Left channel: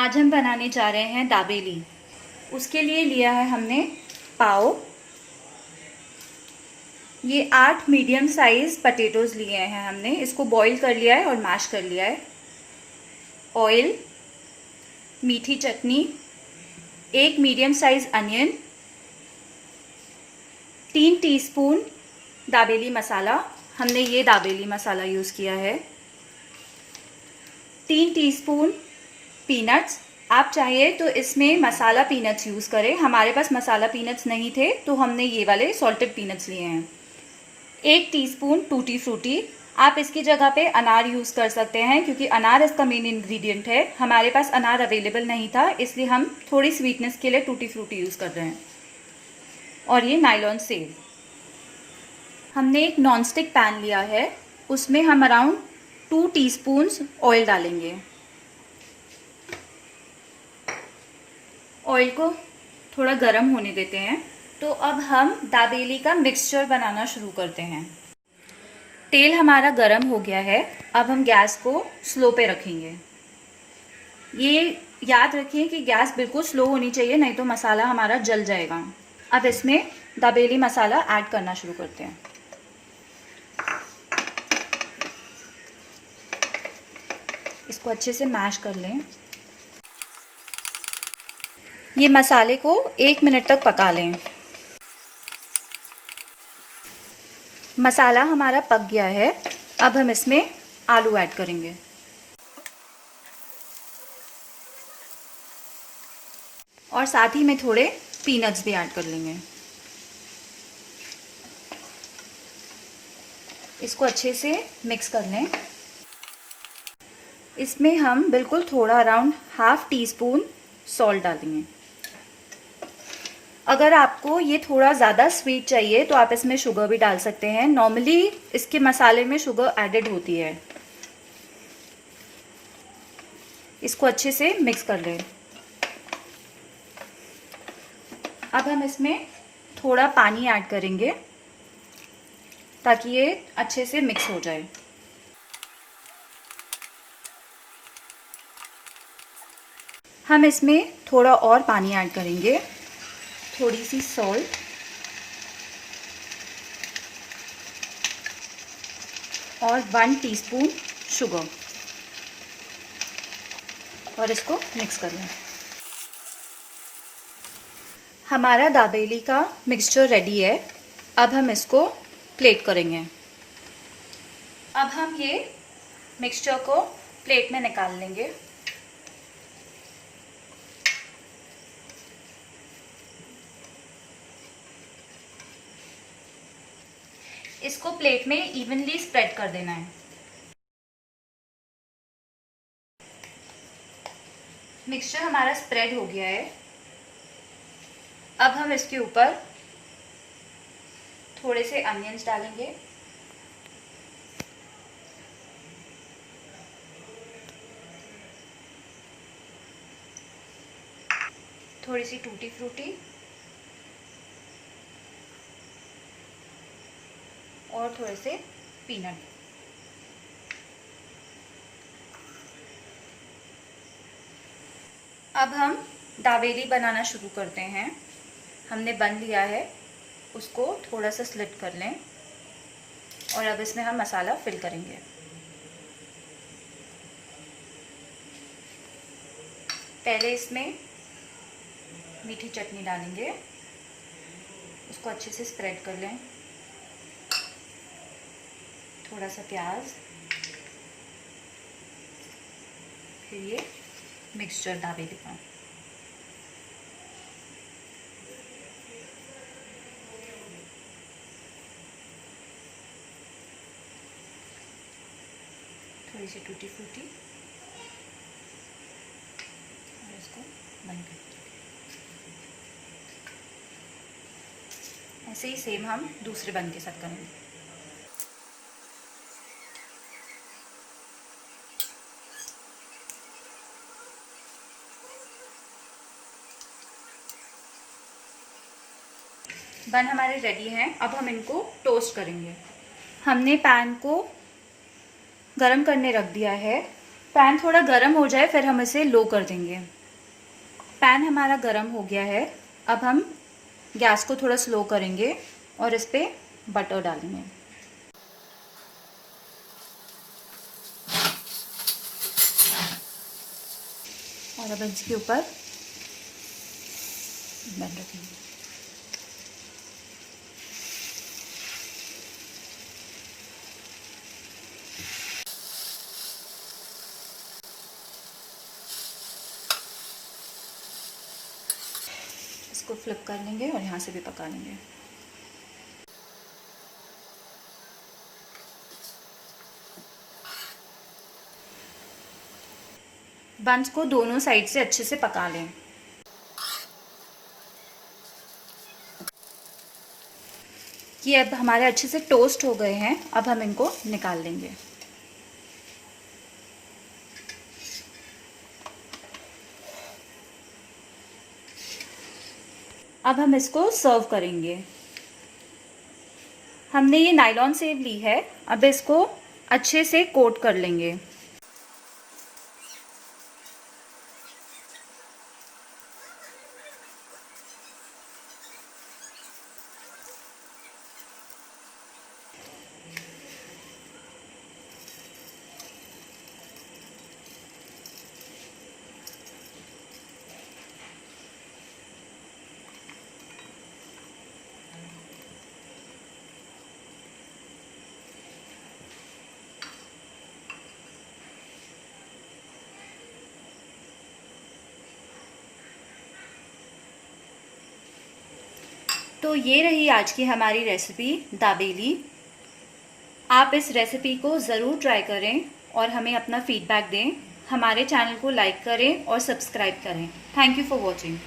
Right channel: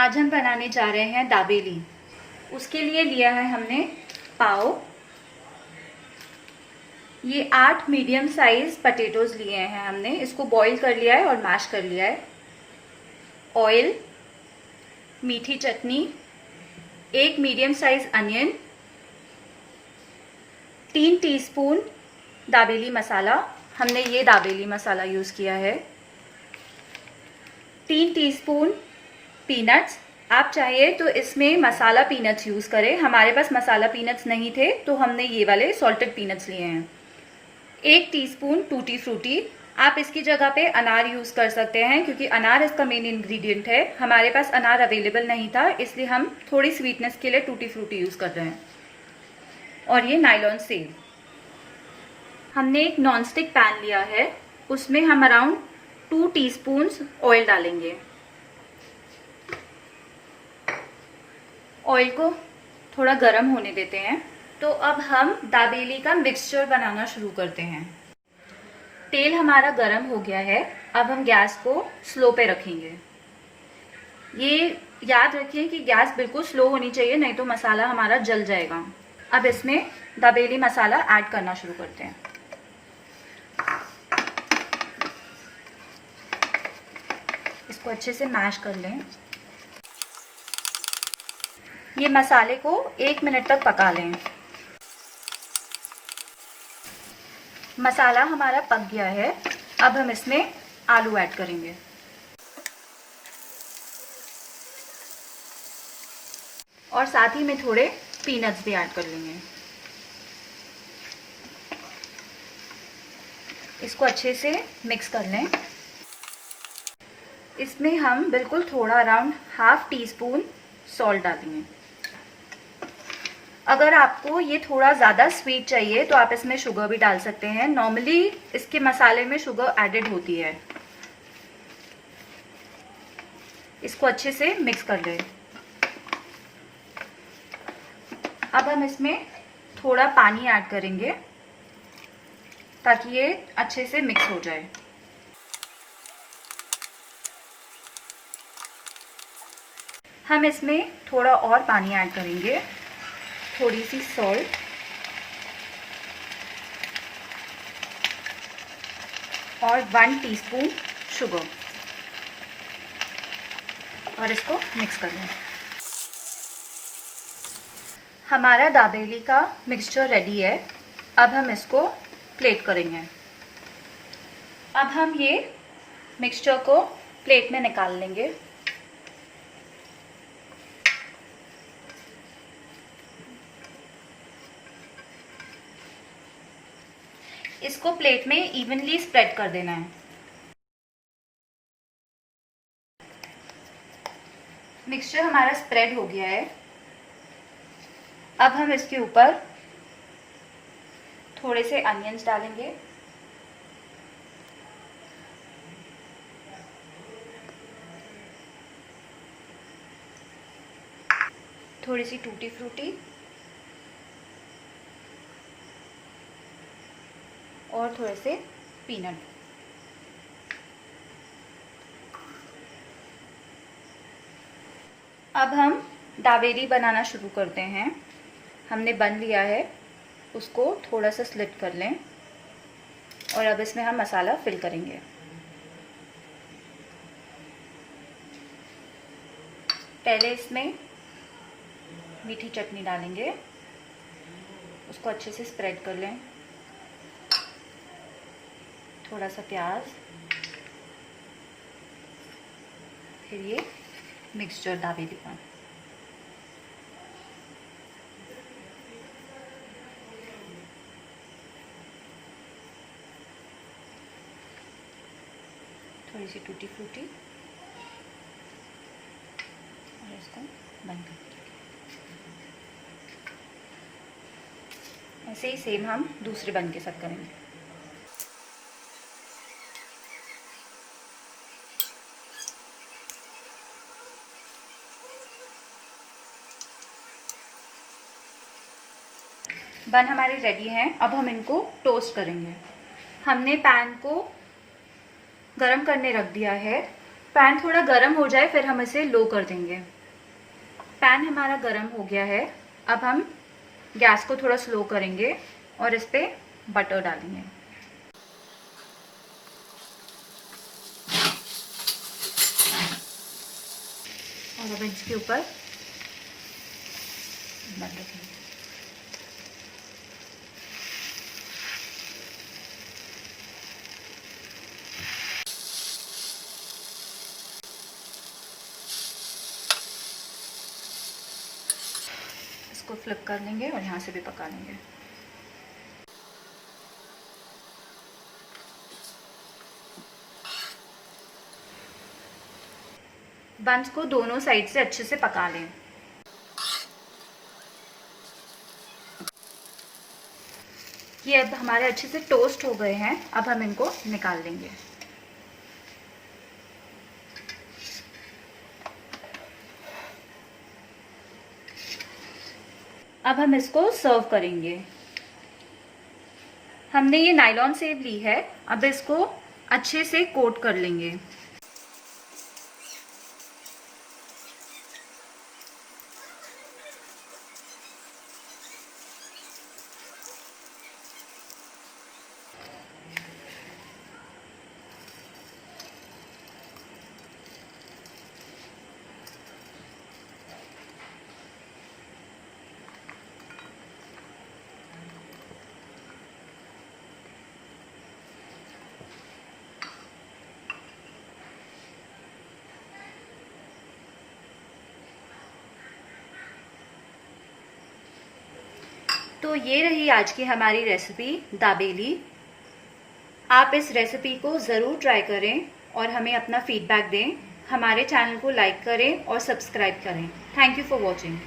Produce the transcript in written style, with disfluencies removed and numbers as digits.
आज हम बनाने जा रहे हैं दाबेली। उसके लिए लिया है हमने पाव। ये 8 मीडियम साइज पटेटोज लिए हैं हमने। इसको बॉईल कर लिया है और मैश कर लिया है। ऑयल, मीठी चटनी, 1 medium size onion, 3 teaspoon dabeli masala. हमने ये दाबेली मसाला यूज़ किया है। 3 टीस्पून पीनट्स। आप चाहिए तो इसमें मसाला पीनट्स यूज़ करें। हमारे पास मसाला पीनट्स नहीं थे तो हमने ये वाले सॉल्टेड पीनट्स लिए हैं। 1 टीस्पून टूटी फ्रूटी। आप इसकी जगह पे अनार यूज़ कर सकते हैं क्योंकि अनार इसका मेन इंग्रेडिएंट है। हमारे पास अनार अवेलेबल नहीं था इसलिए हम थोड़ी स्वीटनेस के लिए टूटी फ्रूटी यूज़ कर रहे हैं। और ये नायलॉन सेव। हमने एक नॉनस्टिक पैन लिया है, उसमें हम अराउंड 2 टीस्पून्स ऑयल डालेंगे। ऑयल को थोड़ा गर्म होने देते हैं। तो अब हम दाबेली का मिक्सचर बनाना शुरू करते हैं। तेल हमारा गर्म हो गया है। अब हम गैस को स्लो पे रखेंगे। ये याद रखिए कि गैस बिल्कुल स्लो होनी चाहिए, नहीं तो मसाला हमारा जल जाएगा। अब इसमें दाबेली मसाला ऐड करना शुरू करते हैं। इसको अच्छे से मैश कर लें। ये मसाले को 1 मिनट तक पका लें। मसाला हमारा पक गया है। अब हम इसमें आलू ऐड करेंगे और साथ ही में थोड़े पीनट्स भी ऐड कर लेंगे। इसको अच्छे से मिक्स कर लें। इसमें हम बिल्कुल थोड़ा अराउंड ½ टीस्पून सॉल्ट डालेंगे। अगर आपको ये थोड़ा ज़्यादा स्वीट चाहिए तो आप इसमें शुगर भी डाल सकते हैं। नॉर्मली इसके मसाले में शुगर एडेड होती है। इसको अच्छे से मिक्स कर लें। अब हम इसमें थोड़ा पानी ऐड करेंगे ताकि ये अच्छे से मिक्स हो जाए। हम इसमें थोड़ा और पानी ऐड करेंगे, थोड़ी सी सॉल्ट और 1 टीस्पून शुगर और इसको मिक्स कर लें। हमारा दाबेली का मिक्सचर रेडी है। अब हम इसको प्लेट करेंगे। अब हम ये मिक्सचर को प्लेट में निकाल लेंगे। इसको प्लेट में इवनली स्प्रेड कर देना है। मिक्सचर हमारा स्प्रेड हो गया है। अब हम इसके ऊपर थोड़े से अनियंस डालेंगे, थोड़ी सी टूटी फ्रूटी और थोड़े से पीनट। अब हम दाबेली बनाना शुरू करते हैं। हमने बन लिया है, उसको थोड़ा सा स्लिट कर लें और अब इसमें हम मसाला फिल करेंगे। पहले इसमें मीठी चटनी डालेंगे, उसको अच्छे से स्प्रेड कर लें। थोड़ा सा प्याज, फिर ये मिक्सचर दाबेली का। थोड़ी सी टूटी फ्रूटी और इसको बंद कर देंगे। ऐसे ही सेम हम दूसरे बन के साथ करेंगे। बन हमारे रेडी हैं। अब हम इनको टोस्ट करेंगे। हमने पैन को गरम करने रख दिया है। पैन थोड़ा गर्म हो जाए फिर हम इसे लो कर देंगे। पैन हमारा गर्म हो गया है। अब हम गैस को थोड़ा स्लो करेंगे और इस पे बटर डालेंगे। और अब इसके ऊपर बन रखेंगे। इसको फ्लिप कर लेंगे और यहाँ से भी पका लेंगे। बंस को दोनों साइड से अच्छे से पका लें। ये अब हमारे अच्छे से टोस्ट हो गए हैं। अब हम इनको निकाल लेंगे। अब हम इसको सर्व करेंगे। हमने ये नायलॉन सेव ली है। अब इसको अच्छे से कोट कर लेंगे। तो ये रही आज की हमारी रेसिपी दाबेली। आप इस रेसिपी को ज़रूर ट्राई करें और हमें अपना फीडबैक दें। हमारे चैनल को लाइक करें और सब्सक्राइब करें। Thank you for watching.